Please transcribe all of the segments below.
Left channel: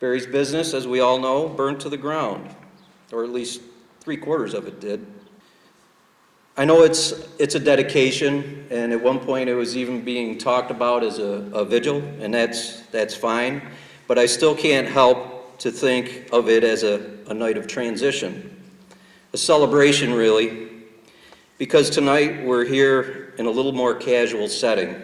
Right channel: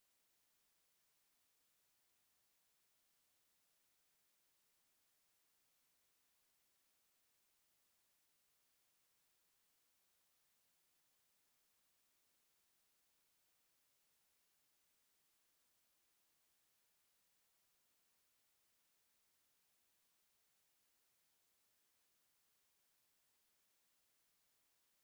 Barry's business, as we all know, burned to the ground, or at least 3/4 of it did. I know it's a dedication, and at one point it was even being talked about as a vigil, and that's fine, but I still can't help to think of it as a night of transition, a celebration really, because tonight we're here in a little more casual setting.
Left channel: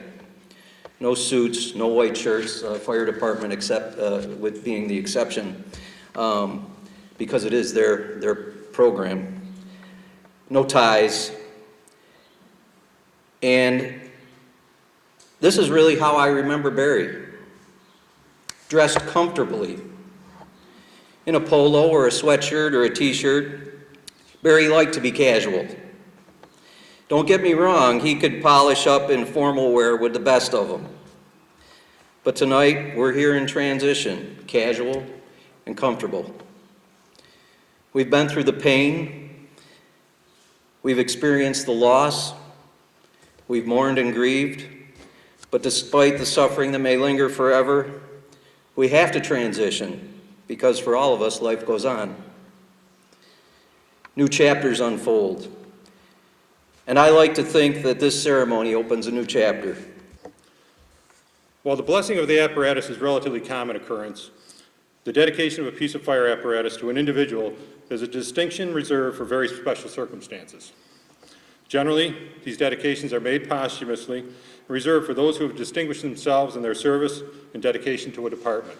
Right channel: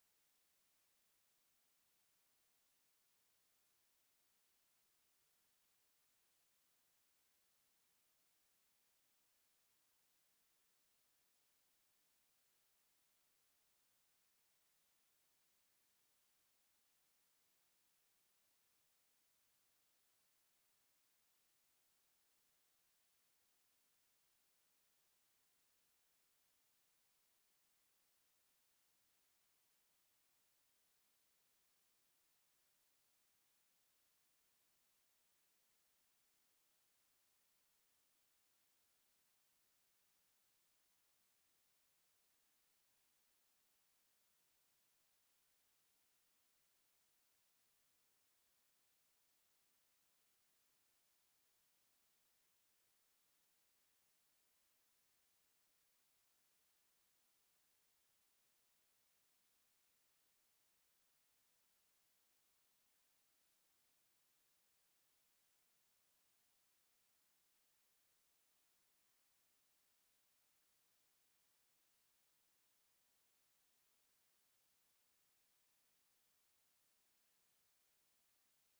No suits, no white shirts, fire department except with being the exception, because it is their program. No ties. And this is really how I remember Barry. Dressed comfortably. In a polo or a sweatshirt or a t-shirt. Barry liked to be casual. Don't get me wrong, he could polish up in formal wear with the best of them. But tonight, we're here in transition, casual and comfortable. We've been through the pain. We've experienced the loss. We've mourned and grieved. But despite the suffering that may linger forever, we have to transition because for all of us, life goes on. New chapters unfold. And I like to think that this ceremony opens a new chapter. While the blessing of the apparatus is a relatively common occurrence, the dedication of a piece of fire apparatus to an individual is a distinction reserved for very special circumstances. Generally, these dedications are made posthumously and reserved for those who have distinguished themselves in their service and dedication to a department.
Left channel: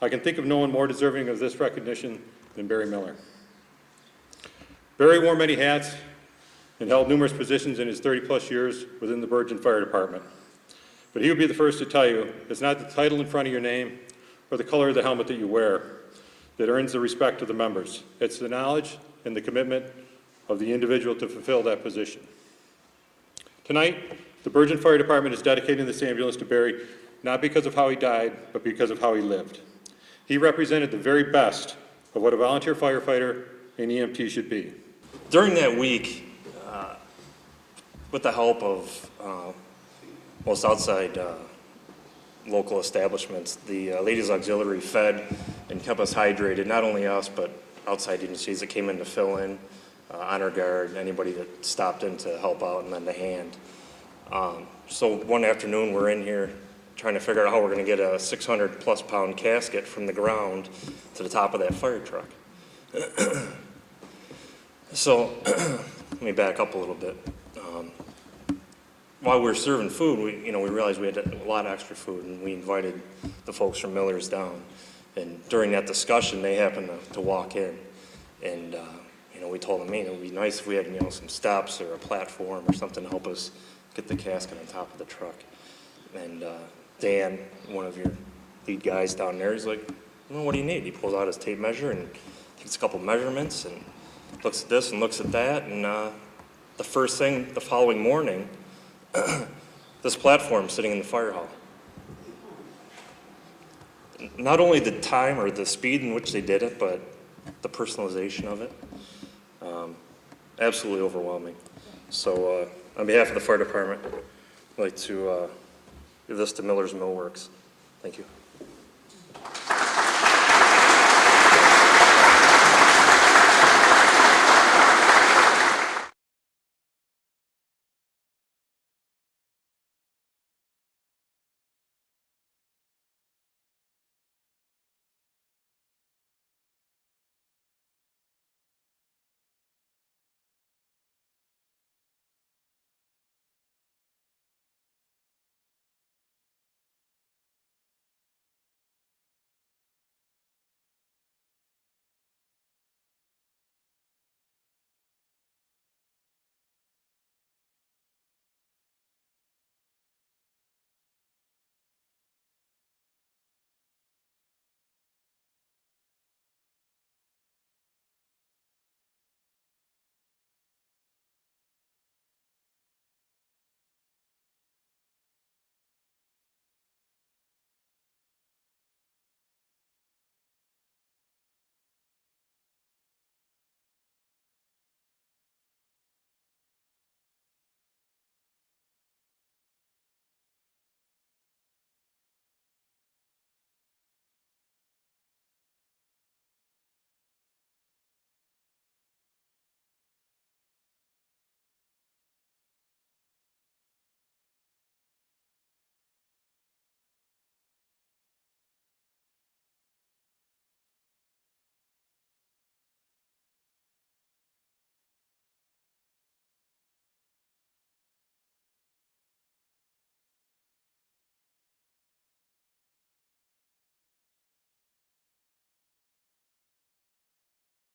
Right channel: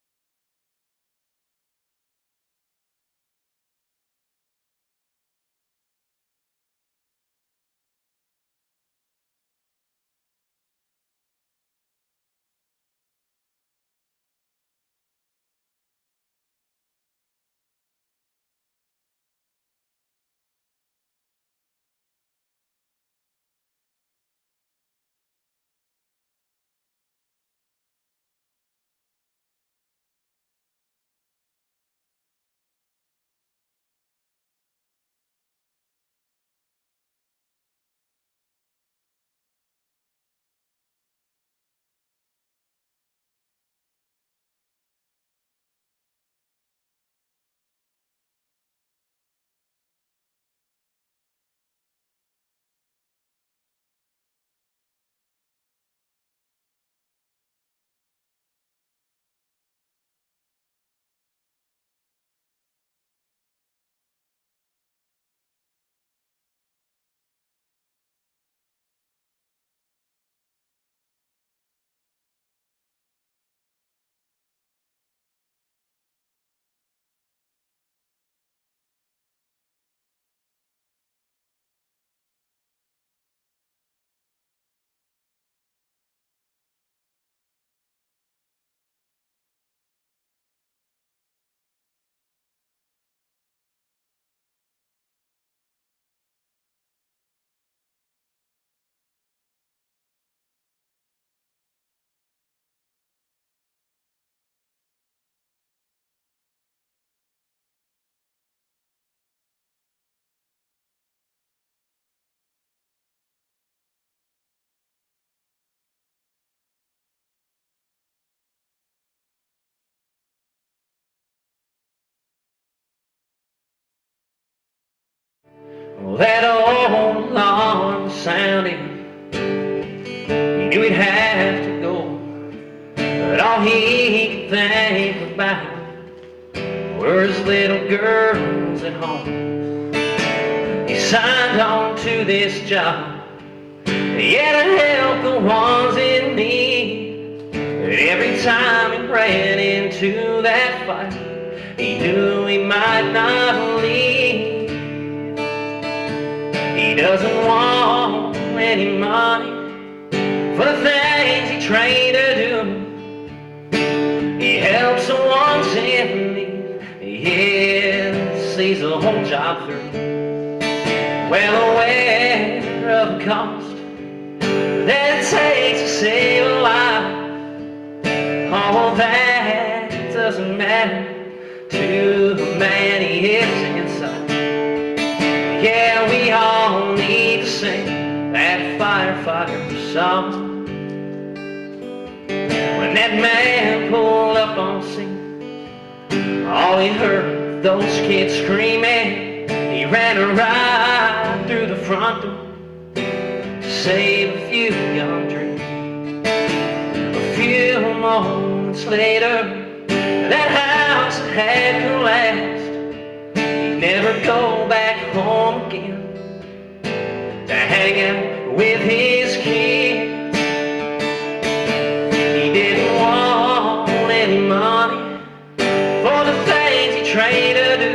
I can think of no one more deserving of this recognition than Barry Miller. Barry wore many hats and held numerous positions in his 30-plus years within the Bergen Fire Department. But he would be the first to tell you it's not the title in front of your name or the color of the helmet that you wear that earns the respect of the members. It's the knowledge and the commitment of the individual to fulfill that position. Tonight, the Bergen Fire Department is dedicating this ambulance to Barry not because of how he died, but because of how he lived. He represented the very best of what a volunteer firefighter and EMT should be. During that week, with the help of most outside local establishments, the Ladies Auxiliary fed and kept us hydrated, not only us, but outside agencies that came in to fill in, honor guard, anybody that stopped in to help out and lend a hand. So one afternoon we're in here trying to figure out how we're gonna get a 600+ pound casket from the ground to the top of that fire truck. So let me back up a little bit. While we were serving food, we realized we had a lot of extra food, and we invited the folks from Miller's down. And during that discussion, they happened to walk in, and we told them, it would be nice if we had some steps or a platform or something to help us get the casket on top of the truck. And Dan, one of your lead guys down there, he's like, what do you need? He pulls out his tape measure and takes a couple measurements and looks at this and looks at that. And the first thing the following morning, this platform sitting in the fire hall. Not only the time or the speed in which they did it, but the personalization of it. Absolutely overwhelming. So on behalf of the fire department, I'd like to give this to Miller's Millworks. Thank you. Well, that old alarm sounded. He knew he'd have to go, but all he could think about were his little girls at home. He signed on to this job, yeah, to help the ones in need. But every time he ran into that fight, he knew he might not leave. He doesn't want any money for the things he trained to do. He helps the ones in need, yeah, sees the whole job through. Well aware of the cost that it takes to save a life, all that doesn't matter to the man he is inside. Yeah, we all need to sing that firefighter song. When that man pulled up on he heard those kids screaming, he ran right through the front door to save a few young dreams. A few moments later, that house had collapsed. He'd never go back home again to hang out with his kids. He didn't want any money for the things he tried to do.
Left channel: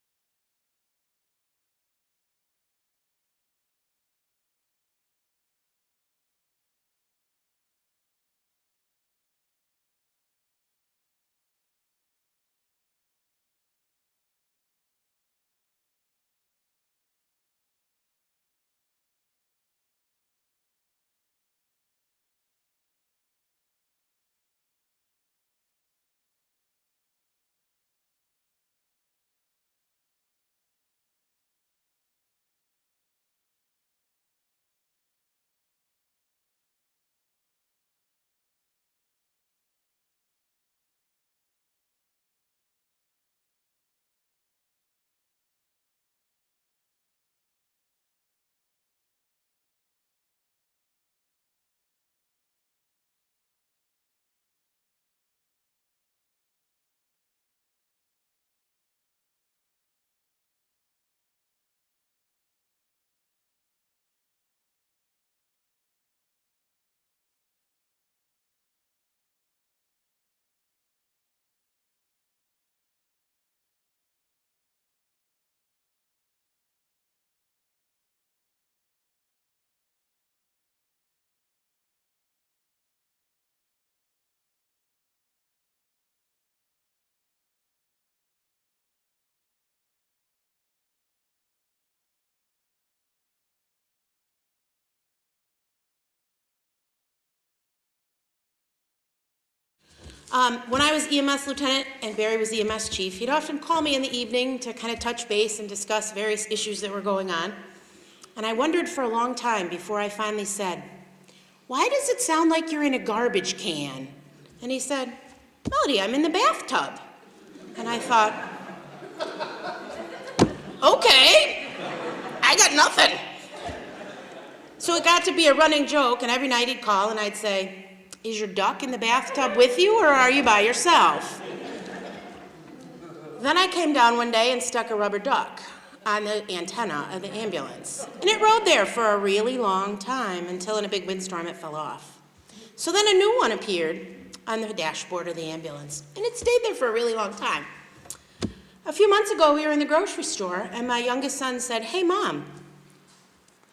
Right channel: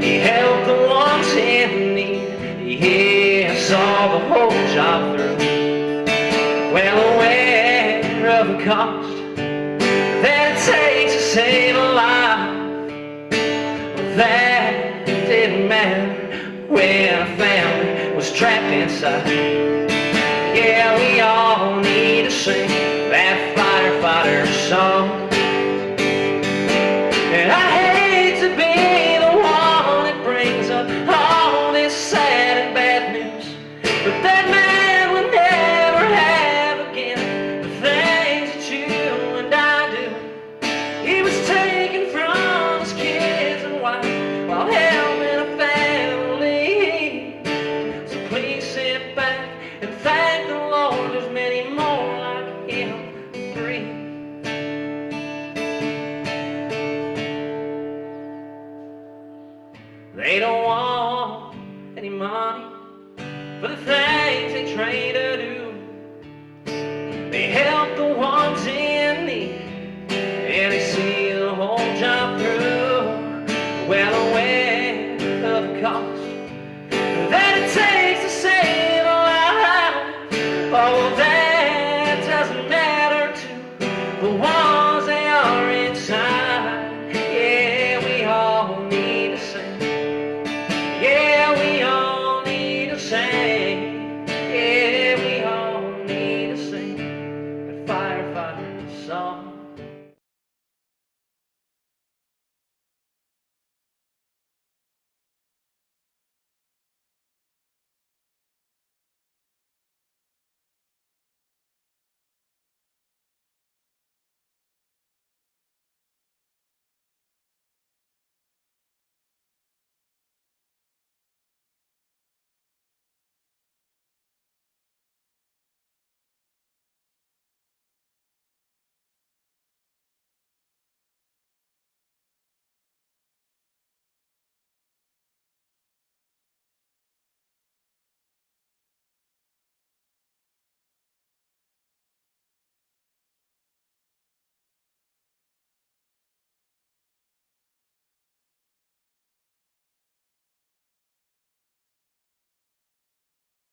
He helped the ones in need. Yeah, saw the whole job through. Well aware of the cost that it takes to save a life. That didn't matter when a family was trapped inside. Yeah, we all need to sing that firefighter song. And I hate to be the one that brings up all this sad and bad news, but that man will never have again the things that you and I do. He was taken from his kids and wife while helping a family. So please sit back and thank the Lord. There's many more like him who breathe. They don't want any money for the things they train to do. They help the ones in need, and they see the whole job through. Well aware of the cost that it takes to save a life. Oh, that doesn't matter to the ones they are inside. Yeah, we all need to sing. Yeah, we all need to sing. Yeah, we all need to sing that firefighter song. When I was EMS lieutenant and Barry was EMS chief, he'd often call me in the evening to kind of touch base and discuss various issues that were going on. And I wondered for a long time before I finally said, "Why does it sound like you're in a garbage can?" And he said, "Melody, I'm in the bathtub." And I thought, okay, I got nothing. So it got to be a running joke, and every night he'd call and I'd say, "Is your duck in the bathtub with you, or are you by yourself?" Then I came down one day and stuck a rubber duck on the antenna of the ambulance. And it rode there for a really long time until in a big windstorm it fell off. So then a new one appeared on the dashboard of the ambulance, and it stayed there for a really long time. A few months ago, we were in the grocery store, and my youngest son said, "Hey, Mom,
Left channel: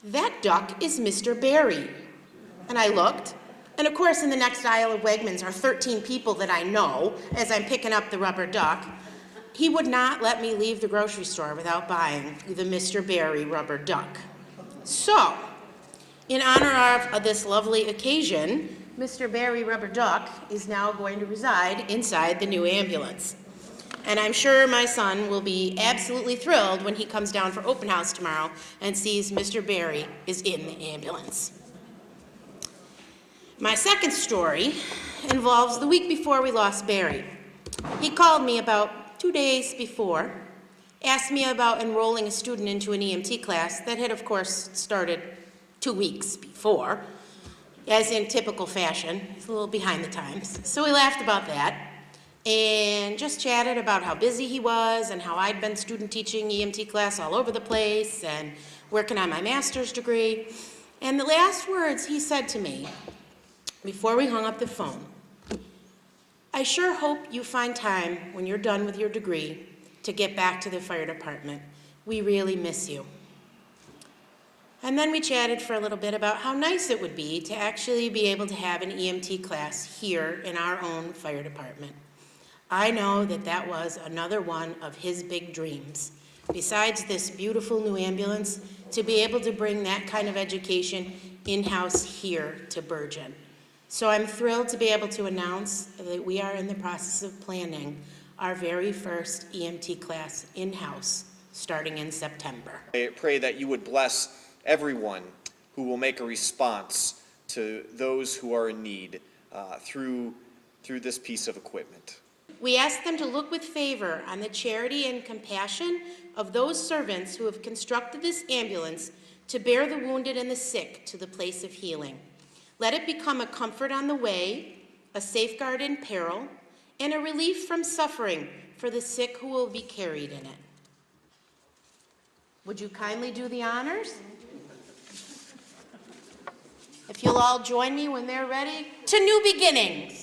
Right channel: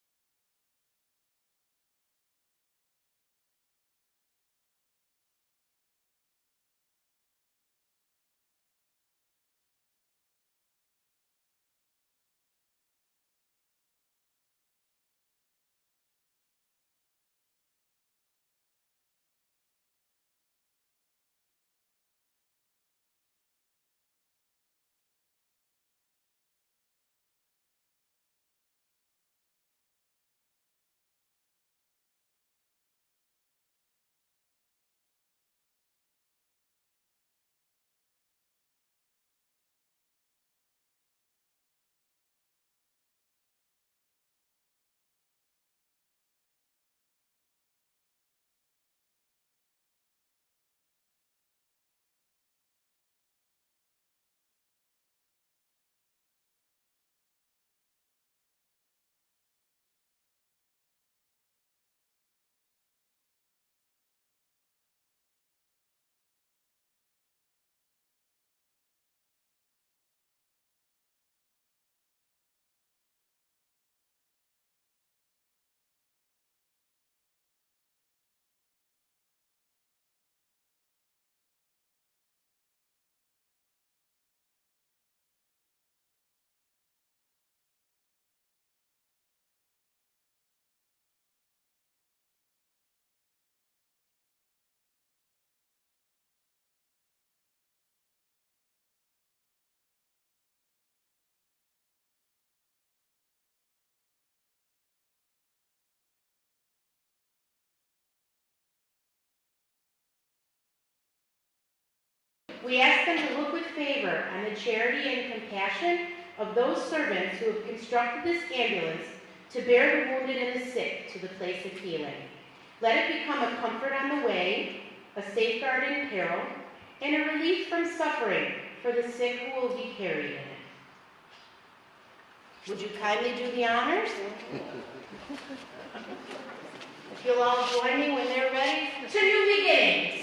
that duck is Mr. Barry." And I looked, and of course, in the next aisle of Wegmans are 13 people that I know as I'm picking up the rubber duck. He would not let me leave the grocery store without buying the Mr. Barry rubber duck. So, in honor of this lovely occasion, Mr. Barry rubber duck is now going to reside inside the new ambulance. And I'm sure my son will be absolutely thrilled when he comes down for open house tomorrow and sees Mr. Barry is in the ambulance. My second story involves the week before we lost Barry. He called me about 2 days before, asked me about enrolling a student into an EMT class that had, of course, started 2 weeks before, as in typical fashion. It's a little behind the times. So we laughed about that and just chatted about how busy he was and how I'd been student teaching EMT class all over the place and working on my master's degree. And the last words he said to me before we hung up the phone, "I sure hope you find time when you're done with your degree to get back to the fire department. We really miss you." And then we chatted for a little bit about how nice it would be to actually be able to have an EMT class here in our own fire department. I know that that was another one of his big dreams. Besides this beautiful new ambulance, to be able to bring that kind of education in-house here to Bergen. So I'm thrilled to be able to announce that we are in the process of planning our very first EMT class in-house starting in September. I pray that you would bless everyone who will make a response to those who are in need through this piece of equipment. We ask them to look with favor on the charity and compassion of those servants who have constructed this ambulance to bear the wounded and the sick to the place of healing. Let it become a comfort on the way, a safeguard in peril, and a relief from suffering for the sick who will be carried in it. Would you kindly do the honors? If you'll all join me when they're ready. To new beginnings.